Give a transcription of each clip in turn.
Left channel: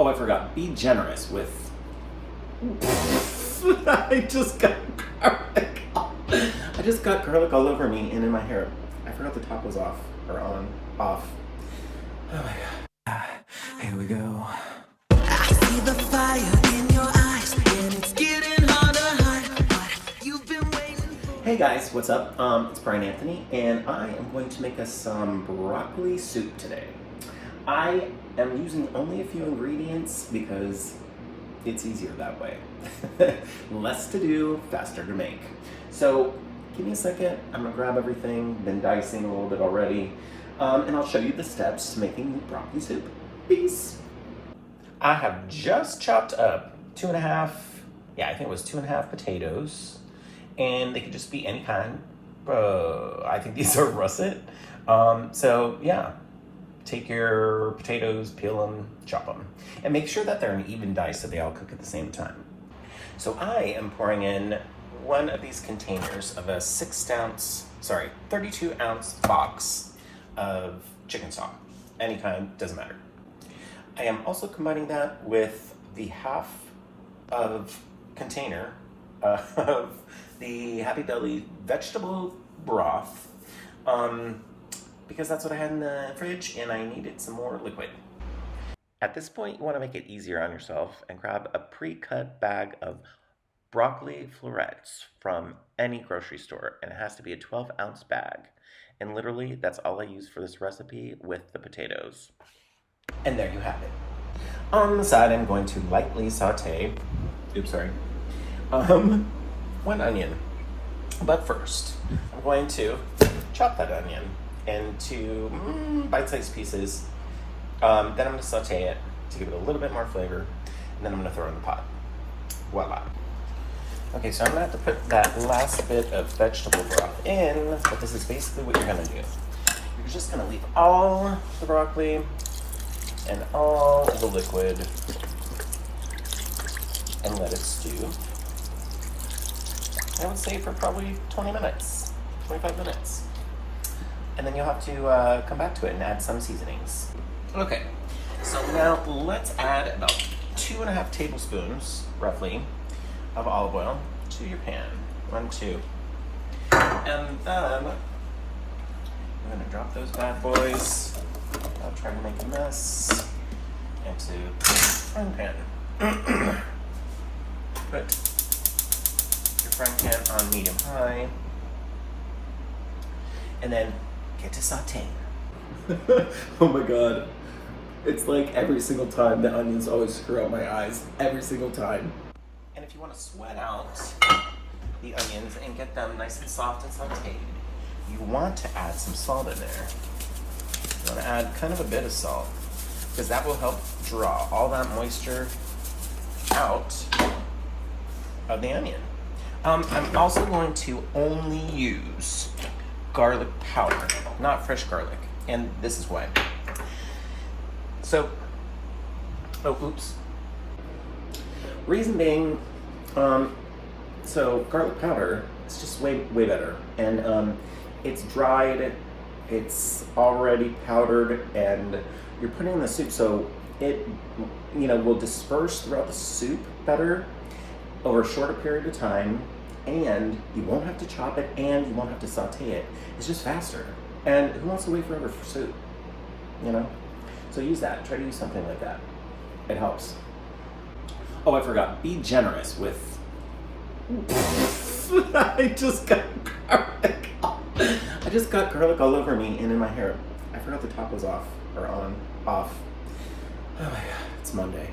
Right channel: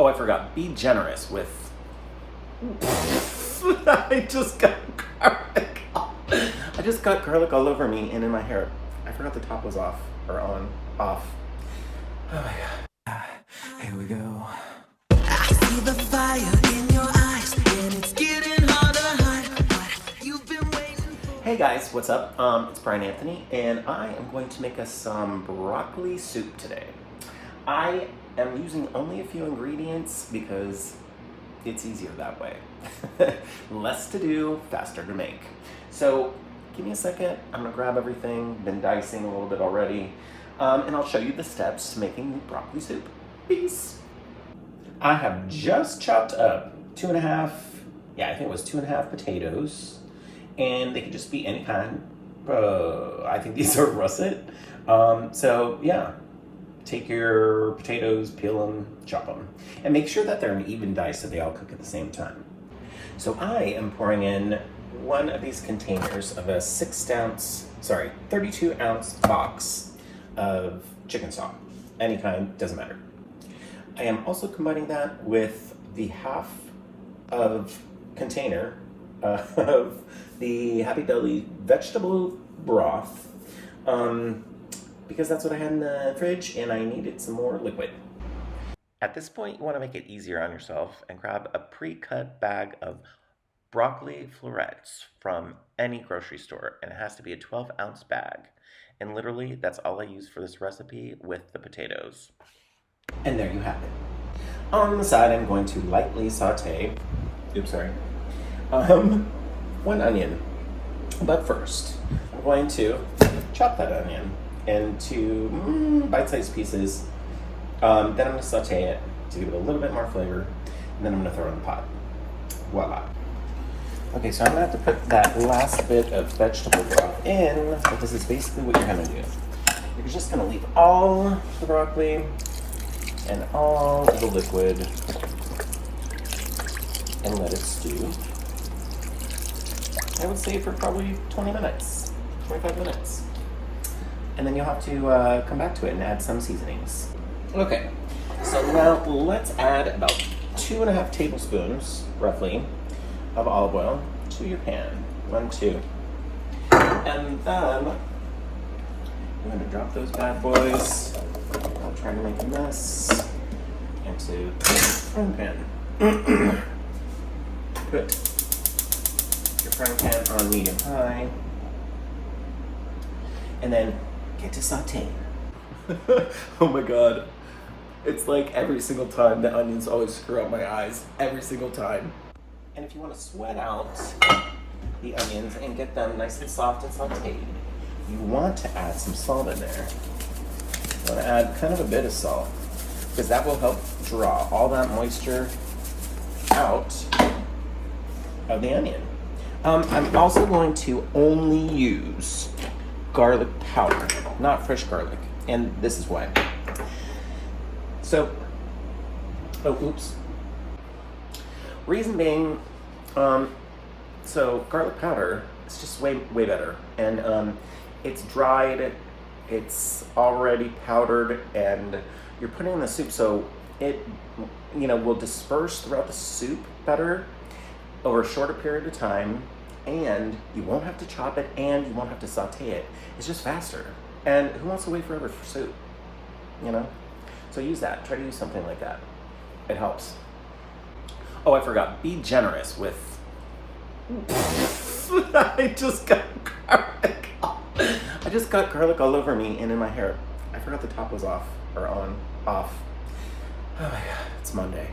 Oh, I forgot. Be generous with. I just got garlic. I just got garlic all over me and in my hair. I forgot the top was off or on, off. Oh my god. Here we go. I see the fire in your eyes, and it's getting harder to hide what you've been waiting for. Hey guys, what's up? It's Brian Anthony, and I am going to make us some broccoli soup today. I am using only a few ingredients because it's easier that way. Less to do, faster to make. So give me a second. I'm gonna grab everything, been dicing a little bit already, and I'll show you the steps to making the broccoli soup. Peace. I have just chopped up 2.5, I think it was 2.5 potatoes, and they could just be any kind. I think these are russet. So yeah, take your potatoes, peel them, chop them, and make sure that they're an even dice so they all cook at the same time. So I am pouring in one of these containers of a 32 ounce box of chicken stock, any kind, doesn't matter. I am also combining that with the half of container of the Happy Deli vegetable broth, because that's what I had in the fridge and I needed some more liquid. At this point, you want to make it easier on yourself and grab a pre-cut bag of broccoli florets from any grocery store, and it has to be a 12-ounce bag. And literally, that's all I use for this recipe with the potatoes. And there you have it. On the side, I'm going to lightly saute, one onion. But first, I'm going to chop that onion into bite-sized pieces. Then I'm going to saute it to give it a little bit more flavor, and then I'm going to throw it in the pot. Voila. Okay, so I'm going to have to put that last bit of vegetable broth in, but this is basically what you're going to do. You're just going to leave all the broccoli and all the liquid and let it stew. I would say for probably 20 minutes, 25 minutes. And then you'll have to come back to it and add some seasonings. Okay, so now let's add about 2.5 tablespoons, roughly, of olive oil to your pan. 1, 2. And then I'm gonna drop those bad boys. I'm trying to make a mess into the frying pan. Put your frying pan on medium-high, and then get to sauteing. Oh my god. It's like every single time the onions always screw out my eyes. Every single time. And if you want to sweat out the onions and get them nice and soft and sauteed, you want to add some salt in there. You want to add kind of a bit of salt, because that will help draw all that moisture out of the onion. I'm also going to only use garlic powder, not fresh garlic, and this is why. So, reason being, so garlic powder is just way better, and it's dried, it's already powdered, and you're putting in the soup, so it, will disperse throughout the soup better over a shorter period of time, and you won't have to chop it, and you won't have to saute it. It's just faster. And who wants to wait forever for soup? So use that. Try to use something like that. It helps. Oh, I forgot. Be generous with. I just got garlic. I just got garlic all over me and in my hair. I forgot the top was off or on, off. Oh my god, it's Monday.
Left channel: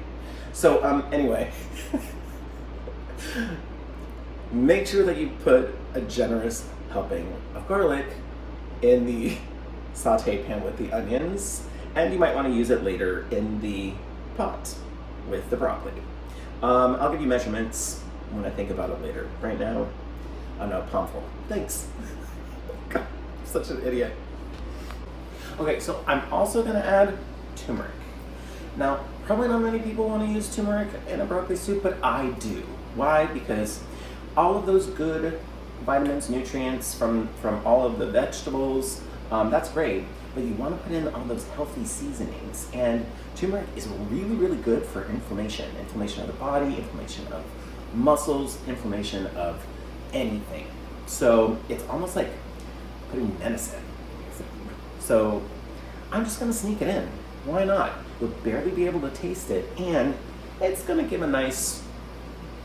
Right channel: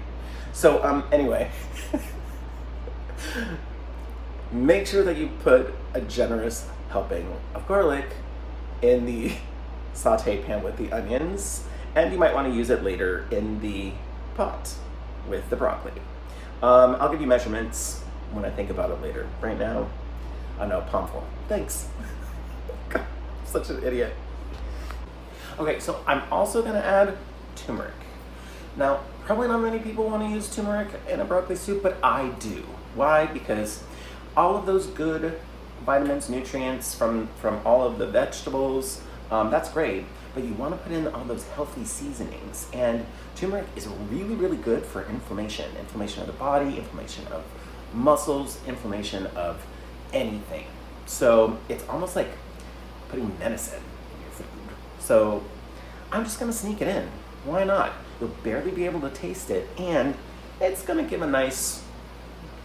So anyway, make sure that you put a generous helping of garlic in the saute pan with the onions, and you might want to use it later in the pot with the broccoli. I'll give you measurements when I think about it later. Right now, I know, palmful. Thanks. God, I'm such an idiot. Okay, so I'm also going to add turmeric. Now, probably not many people want to use turmeric in a broccoli soup, but I do. Why? Because all of those good vitamins, nutrients from all of the vegetables That's great, but you want to put in all those healthy seasonings. And turmeric is really, really good for inflammation of the body, inflammation of muscles, inflammation of anything. So it's almost like putting medicine in your food. So I'm just gonna sneak it in. Why not? You'll barely be able to taste it, and it's gonna give a nice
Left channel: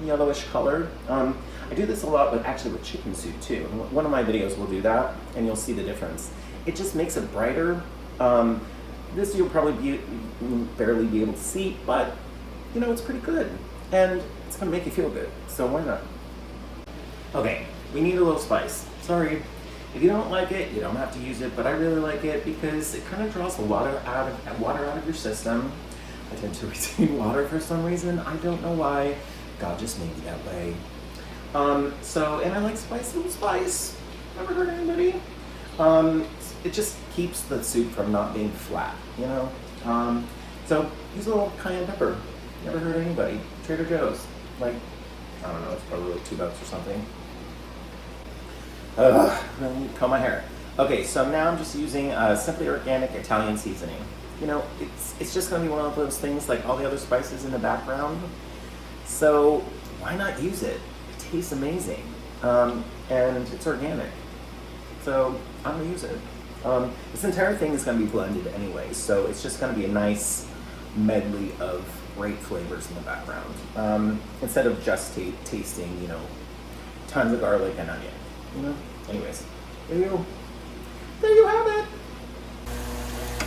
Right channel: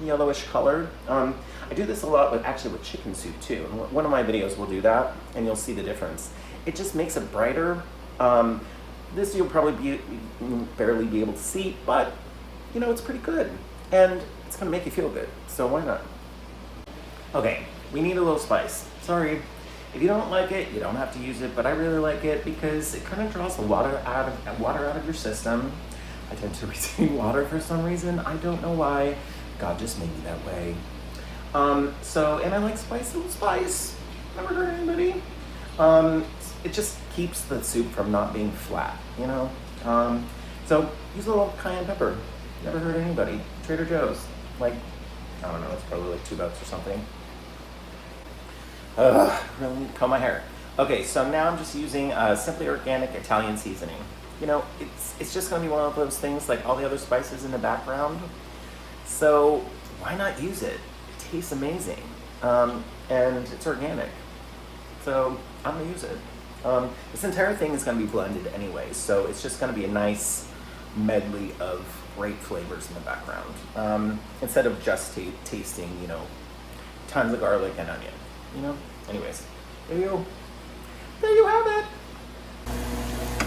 yellowish color. I do this a lot with chicken soup too. One of my videos will do that, and you'll see the difference. It just makes it brighter. This you'll probably barely be able to see, but you know, it's pretty good, and it's gonna make you feel good. So why not? Okay, we need a little spice. Sorry, if you don't like it, you don't have to use it, but I really like it because it kind of draws the water out of your system. I tend to retain water for some reason. I don't know why. God just made me that way. And I like spice and spice. Never hurt anybody. It just keeps the soup from not being flat, you know? So use a little cayenne pepper. Never hurt anybody. Trader Joe's. Like, I don't know, it's probably like $2 or something. Really need to comb my hair. Okay, so now I'm just using Simply Organic Italian seasoning. You know, it's just gonna be one of those things like all the other spices in the background. So why not use it? It tastes amazing, and it's organic. So I'm gonna use it. This entire thing is gonna be blended anyway, so it's just gonna be a nice medley of great flavors in the background. Instead of just tasting, you know, tons of garlic and onion. You know? Anyways, there you go. There you have it.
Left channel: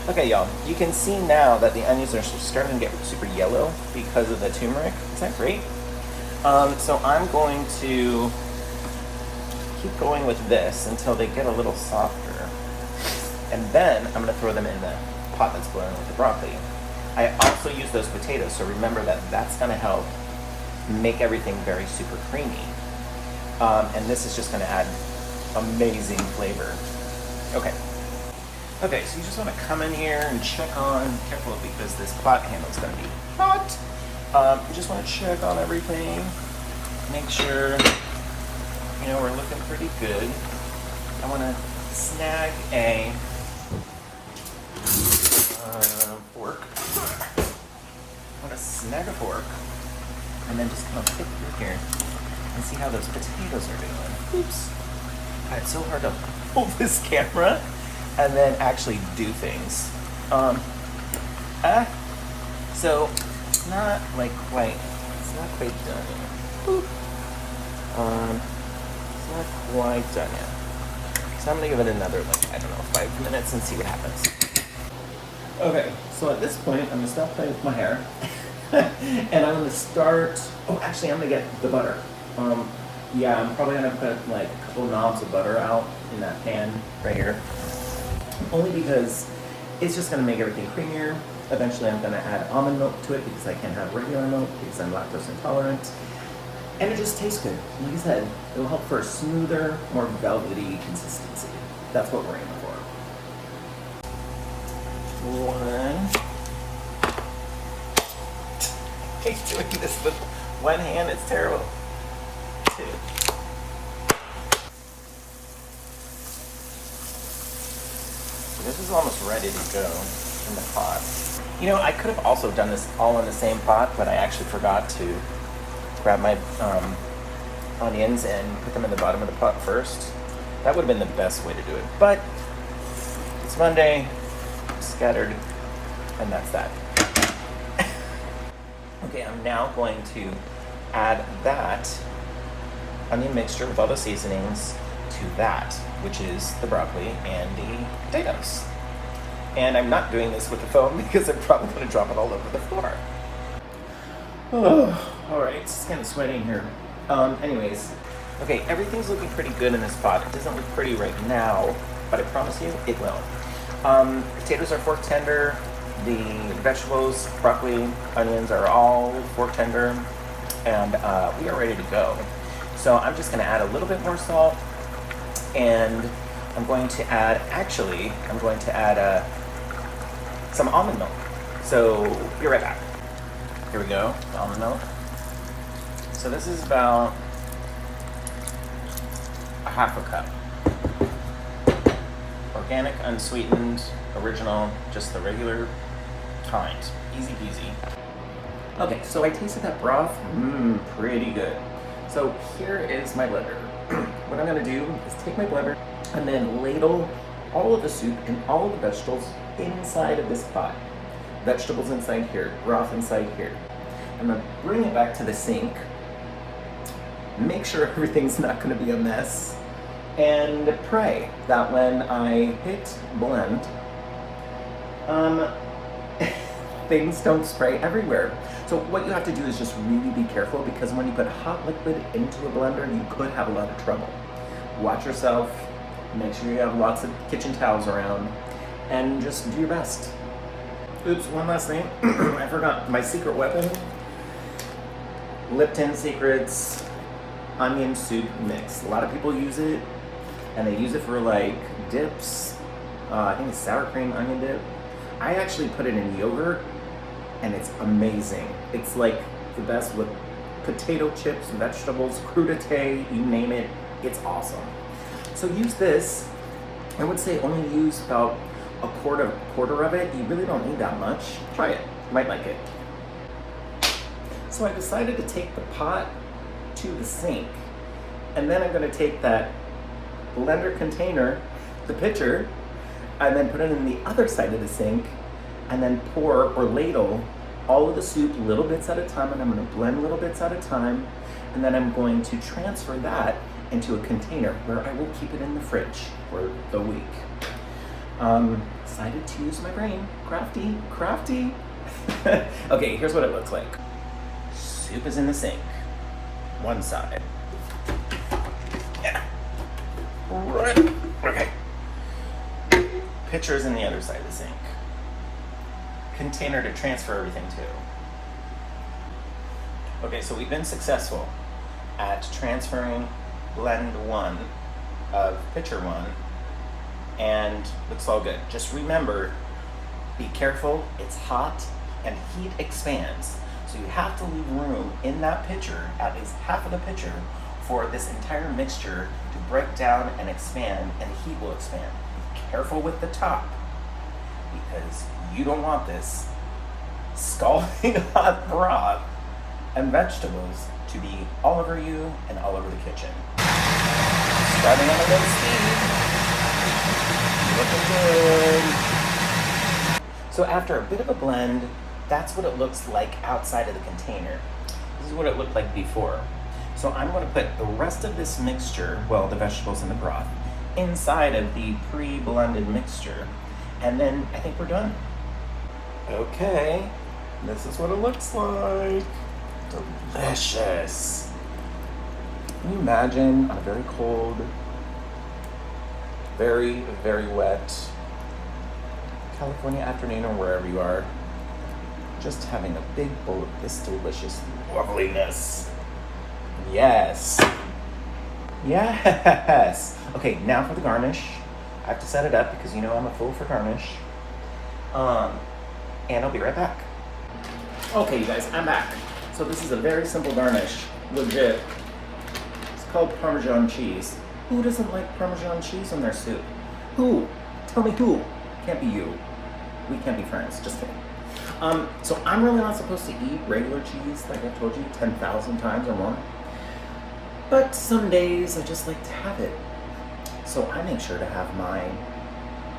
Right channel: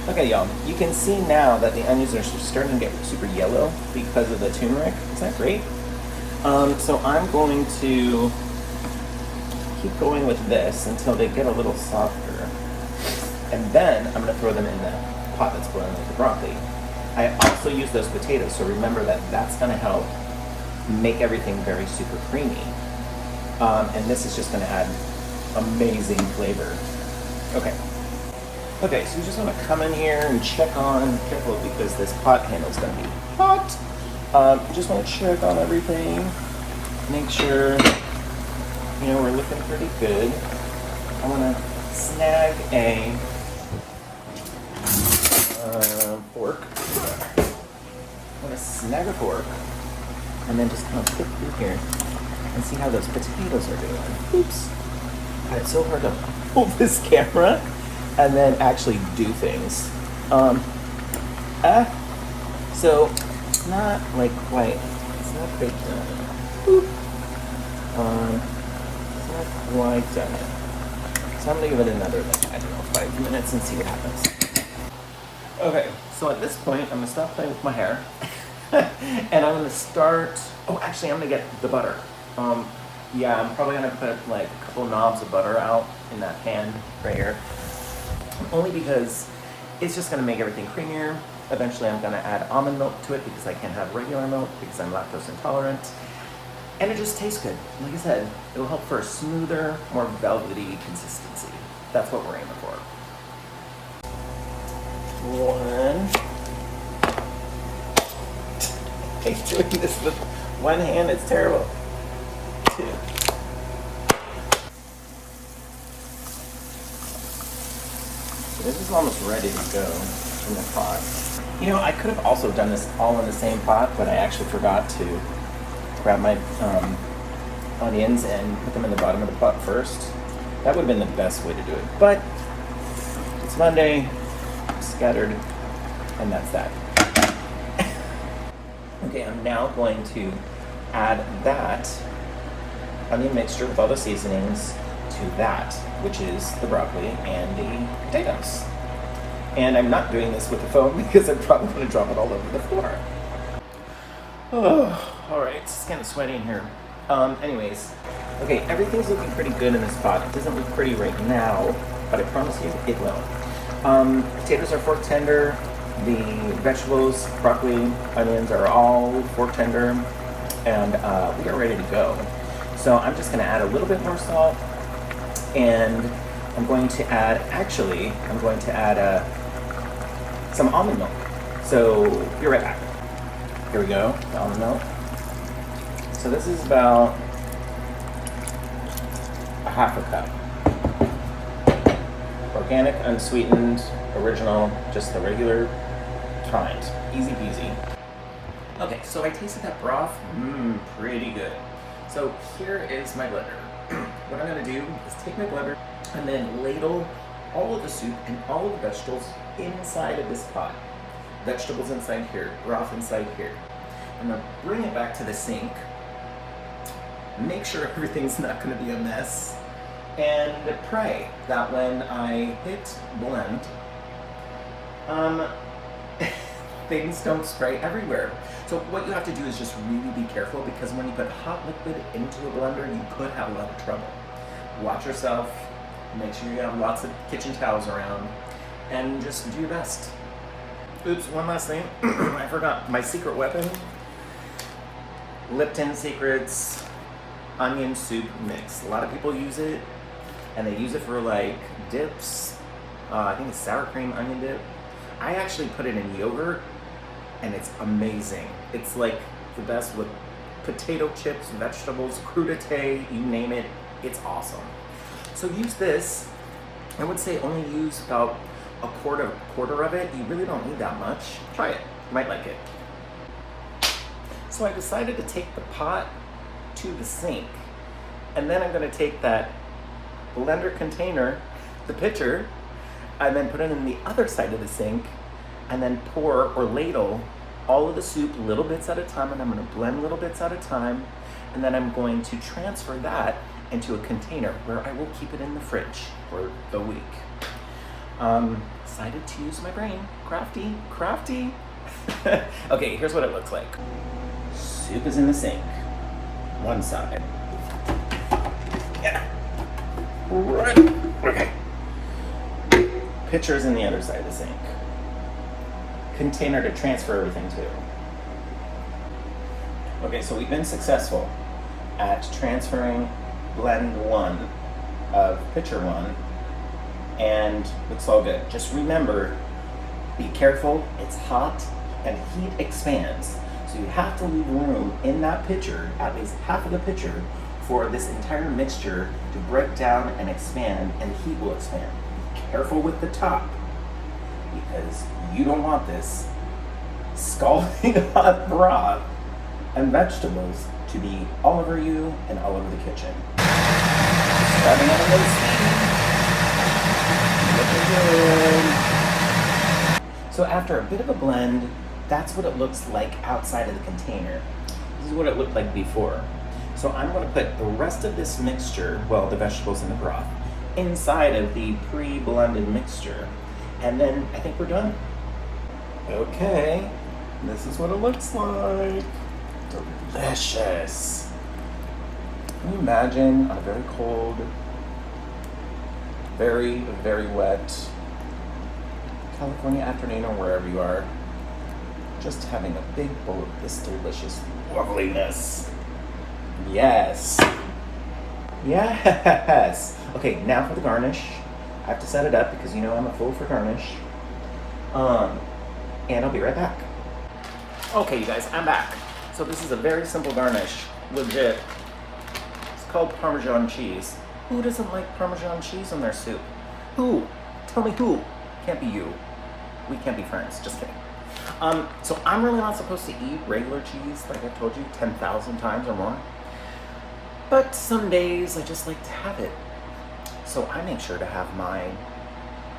Okay, y'all, you can see now that the onions are starting to get super yellow because of the turmeric. Is that great? So I'm going to keep going with this until they get a little softer. And then I'm gonna throw them in the pot that's boiling with the broccoli. I also use those potatoes, so remember that that's gonna help make everything very super creamy. And this is just gonna add amazing flavor. Okay, so you just want to come in here and check on, careful because this pot handle is going to be hot. You just want to check on everything, make sure, you know, we're looking pretty good. I want to snag a fork. I want to snag a fork and then just kind of flip through here and see how those potatoes are doing. Oops. God, it's so hard to hold this camera and then actually do things. So it's not like quite, it's not quite done. It's not quite done. So I'm gonna give it another, I don't know, 5 minutes and see what happens. Okay, so at this point, I'm gonna stop playing with my hair. And I'm gonna start, actually I'm gonna get the butter. Yeah, I'm probably gonna put like a couple knobs of butter out in that pan right here. Only because it's just gonna make everything creamier. Eventually I'm gonna add almond milk to it because I can't have regular milk because I'm lactose intolerant. And it just tastes good. Like I said, it'll help for a smoother, more velvety consistency. That's what we're aiming for. 1. He's doing this with one hand, it's terrible. 2. This is almost ready to go in the pot. You know, I could have also done this all in the same pot, but I actually forgot to grab my onions and put them in the bottom of the pot first. That would have been the best way to do it. But it's Monday, scattered, and that's that. Okay, I'm now going to add that onion mixture with all the seasonings to that, which is the broccoli and the potatoes. And I'm not doing this with the phone because I'm probably going to drop it all over the floor. Oh, all right, it's kind of sweaty in here. Anyways, okay, everything's looking pretty good in this pot. It doesn't look pretty right now, but I promise you it will. Potatoes are fork tender. The vegetables, broccoli, onions are all fork tender, and we are ready to go. So I'm just going to add a little bit more salt, and I'm going to add some almond milk. So be right back. Here we go, the almond milk. So this is about a half a cup. Organic, unsweetened, original, just the regular kind. Easy peasy. Okay, so I tasted that broth. Pretty good. So here is my blender. What I'm gonna do is take my blender and then ladle all of the soup and all of the vegetables inside of this pot. Vegetables inside here, broth inside here. I'm gonna bring it back to the sink, make sure everything's not gonna be a mess, and pray that when I hit blend, things don't spray everywhere. So what you have to do is just really be careful, because when you put hot liquid into a blender, you could have a lot of trouble. Watch yourself, make sure you have lots of kitchen towels around, and just do your best. Oops, one last thing. I forgot my secret weapon. Lipton Secrets onion soup mix. A lot of people use it, and they use it for like dips. I think it's sour cream onion dip. I actually put it in yogurt, and it's amazing. It's like the best with potato chips, vegetables, crudité, you name it, it's awesome. So use this. I would say only use about a quarter of it. You really don't need that much. Try it, you might like it. So I decided to take the pot to the sink, and then I'm gonna take that blender container, the pitcher, and then put it in the other side of the sink, and then pour or ladle all of the soup little bits at a time, and I'm gonna blend little bits at a time, and then I'm going to transfer that into a container where I will keep it in the fridge for the week. Decided to use my brain. Crafty. Okay, here's what it looks like. Soup is in the sink, one side. Yeah. Right. Okay. Pitcher's in the other side of the sink. Container to transfer everything to. Okay, so we've been successful at transferring blend one of pitcher one, and looks all good. Just remember, be careful, it's hot and heat expands. So you have to leave room in that pitcher, at least half of the pitcher, for this entire mixture to break down and expand, and the heat will expand. Be careful with the top, because you don't want this scalding hot broth and vegetables to be all over you and all over the kitchen. Grabbing on the looking good. So after a bit of a blend, that's what it looks like outside of the container. This is what it looked like before. So I'm going to put the rest of this mixture, well, the vegetables and the broth, inside of the pre-blended mixture. And then I think we're done. Okay, this is what it looks like. Delicious. Can you imagine on a very cold, very, very wet California afternoon or wherever you are, just having a big bowl of this delicious loveliness. Yes. Yes. Okay, now for the garnish. I have to set it up because you know I'm a fool for garnish. And I'll be right back. Okay, you guys, I'm back. So this is a very simple garnish, legit. It's called Parmesan cheese. Who doesn't like Parmesan cheese on their soup? Who? Tell me who. Can't be you. We can't be friends, just kidding. So I'm really not supposed to eat regular cheese, like I've told you 10,000 times or more. But some days I just like to have it. So I make sure to have my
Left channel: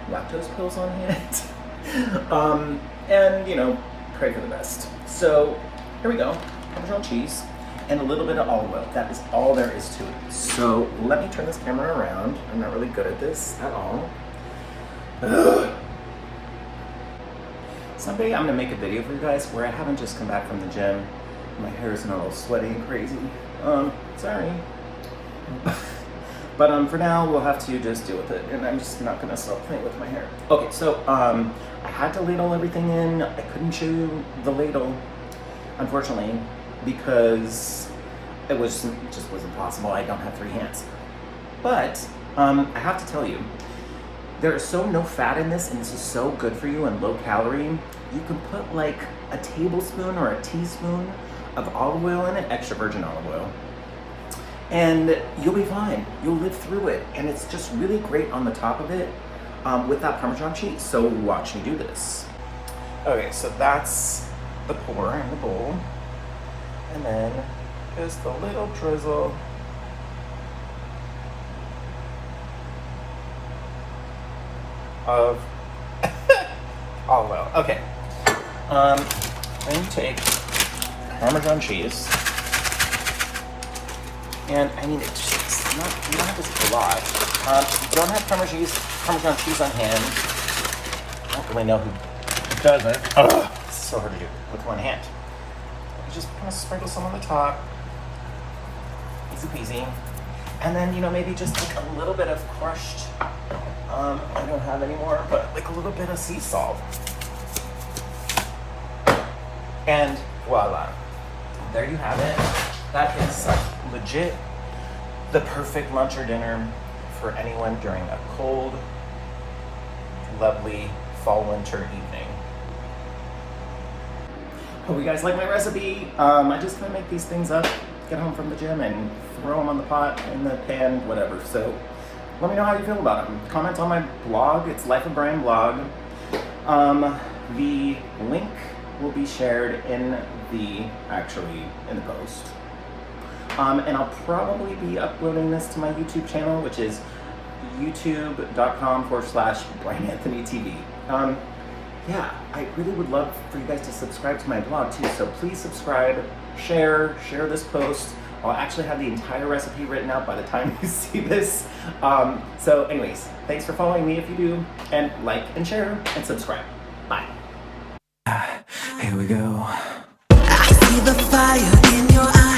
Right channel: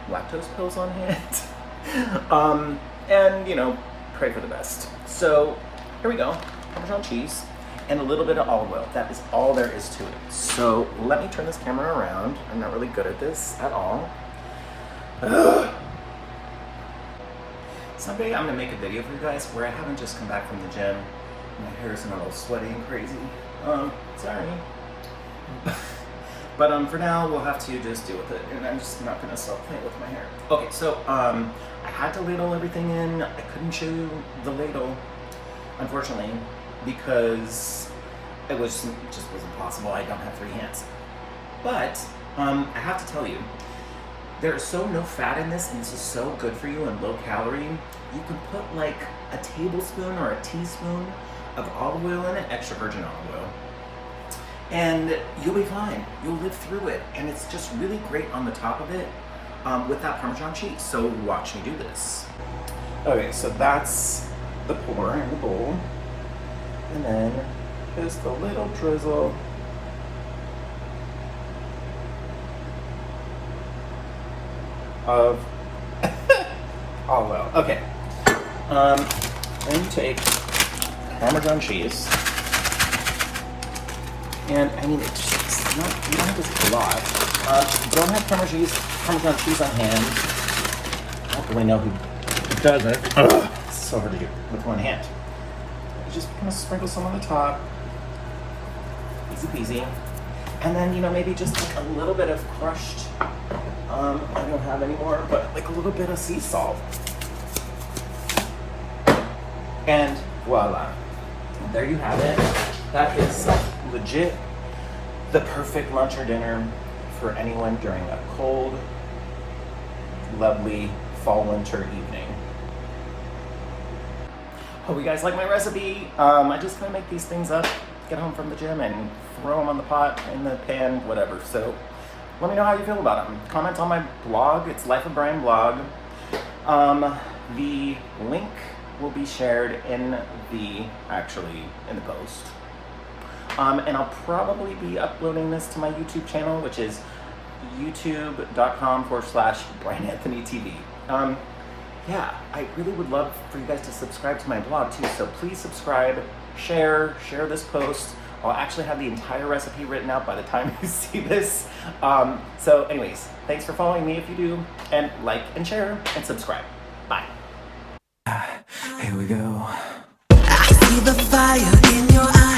lactose pills on hand. And, you know, pray for the best. So here we go, Parmesan cheese and a little bit of olive oil. That is all there is to it. So let me turn this camera around. I'm not really good at this at all. Someday I'm gonna make a video for you guys where I haven't just come back from the gym. My hair is not all sweaty and crazy. Sorry. But for now, we'll have to just deal with it, and I'm just not gonna stop playing with my hair. Okay, so I had to ladle everything in. I couldn't show you the ladle, unfortunately, because it just wasn't possible. I don't have 3 hands. But I have to tell you, there is so no fat in this, and this is so good for you and low calorie. You can put like a tablespoon or a teaspoon of olive oil in it, extra virgin olive oil, and you'll be fine. You'll live through it, and it's just really great on the top of it. with that Parmesan cheese. So watch me do this. Okay, so that's the pour in the bowl. And then just a little drizzle of olive oil. Okay. And take Parmesan cheese. And I need it just, you don't have this a lot. If you don't have Parmesan cheese on hand, I don't really know who doesn't. Oh, sorry, with one hand. Just kind of sprinkle some on the top. Easy peasy. And then, you know, maybe just like a little bit of crushed, I don't have any more, but like a little bit of sea salt. And voila. There you have it. That is legit the perfect lunch or dinner for anyone during a cold, lovely fall winter evening. Hope you guys like my recipe. I just kind of make these things up, get home from the gym and throw them on the pot, in the pan, whatever. So let me know how you feel about them. Comment on my blog. It's Life of Brian blog. The link will be shared in the post. And I'll probably be uploading this to my YouTube channel, which is youtube.com/BrianAnthonyTV. Yeah, I really would love for you guys to subscribe to my blog too, so please subscribe, share this post. I'll actually have the entire recipe written out by the time you see this. So anyways, thanks for following me if you do, and like and share and subscribe. Bye. Here we go. I see the fire in your eyes.